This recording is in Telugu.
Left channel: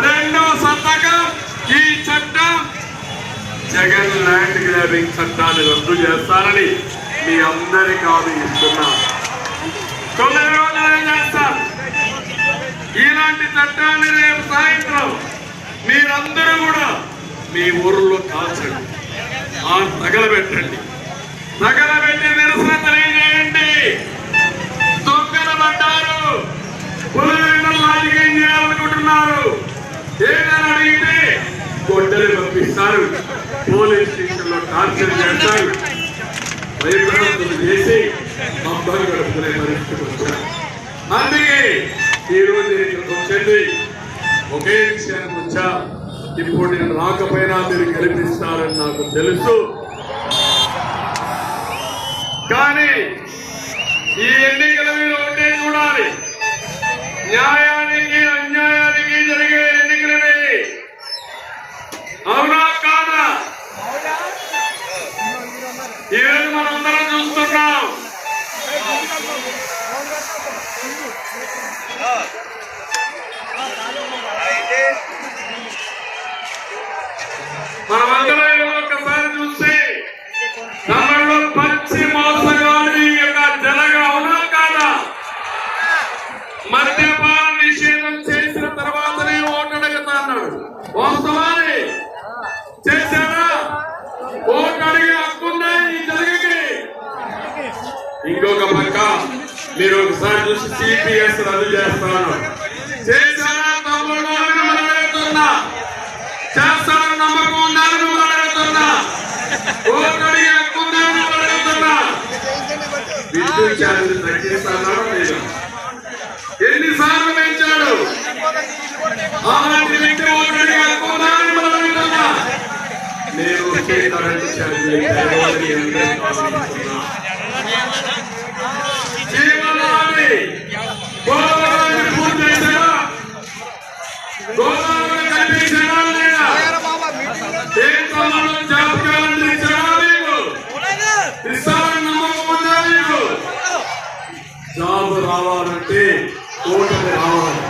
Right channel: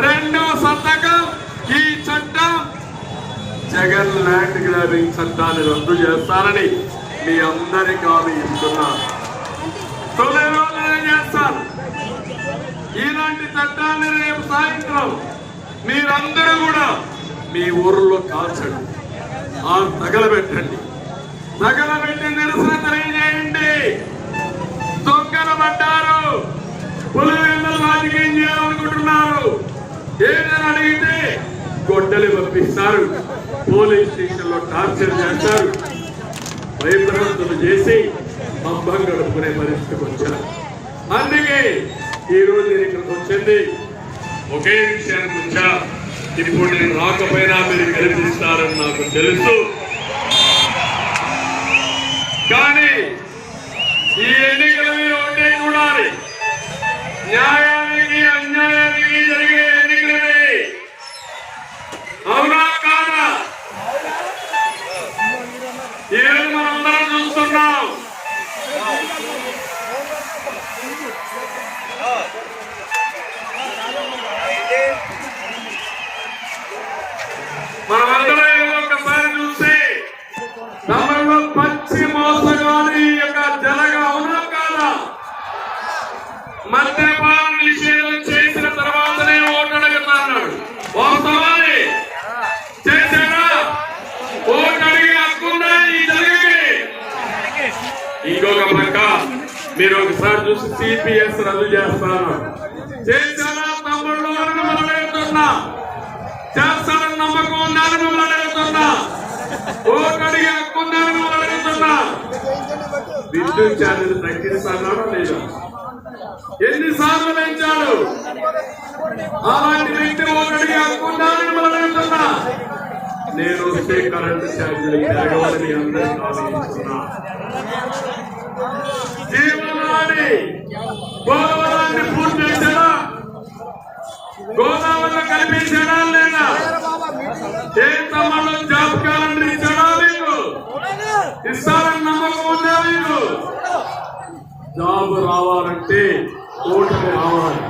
రెండో సంతకం ఈ చట్టం జగన్ ల్యాండ్ గ్రాబింగ్ చట్టాన్ని రద్దు చేస్తారని మీ అందరికీ హామీ ఇస్తున్నా. 9 రోజులు చేస్తారు. ఇలాంటి చట్టాన్ని రేపు సాయంత్రం మీరందరూ కూడా మీ ఊర్లో కాల్చండి, తగలబెట్టండి. తగలబెట్టి నిరసన తెలియజేయండి. దొంగలు పడ్డారు, పులివెందులు రాజకీయం చేయాలనుకుంటున్నారు. ఏదైనా అడిగితే గొడ్డలి పంపిస్తారు, పోలీస్ స్టేషన్ లో టార్చర్ చేస్తారు, భయభ్రాంతులు చేసి అబ్బం గడుపుకునే పరిస్థితికి వచ్చారు. అందుకే ఈ రోజు ఇక్కడికి వచ్చండి. ఒకే విషయానికి వచ్చా. ఇప్పుడు నేను రాకపోయినా మీరు గెలిపిస్తారని నాకు తెలుసు. కానీ ఈ ఎన్నికలు మీరు ఒకటే చూడాలి. న్యాయానికి అన్యాయానికి జరిగే ఎన్నికలవి. అవునా కాదా? ఈరోజు మనందరం చూస్తున్నాం. మనమందరం ఈరోజు ఒక్కసారి చూస్తే తమలో పచ్చి మోసగాడి యొక్క జనగా అవునా కాదా? మద్యపాన నిషేధం చేసిన తర్వాతనే ఓటు అడుగుతా అన్నాడు. వాస్తవాన్ని చేశాడా? ఓటు అడిగి హక్కుందా ఈ జనకి? ఇంకొక పక్క మీరు ఒకసారి చూసి సిపిఎస్ రద్దు చేస్తాను చేశాడా? తమ్ముడు మనం అడుగుతున్నా. చేస్తాడని నమ్మకం ఉందని మిమ్మల్ని అడుగుతున్నా. ఓటు అడిగి హక్కుందని మిమ్మల్ని అడుగుతున్నా. విద్యుత్ ఛార్జీలు తగ్గిస్తాడా లేదా? ఎన్నిసార్లు పెంచాడు? అలాంటి వ్యక్తి ఓటు అడిగి హక్కుందని మిమ్మల్ని అడుగుతున్నా. నేను వచ్చే కరెంటు ఛార్జీలు పెరగవని అందరికీ ఆశిస్తున్నా. జీవనాన్ని గోదావరిని పూర్తి చేశాడా? గోదావరిలో కల్పించాడా లేదా? ఏం తమ్ముళ్ళు జ్ఞాపకాలను ఇచ్చాడా? నీకు ఇస్తారని నమ్మకం ఉందా? నీకు జాబ్ రావాలంటే ఓటమి రావాలి.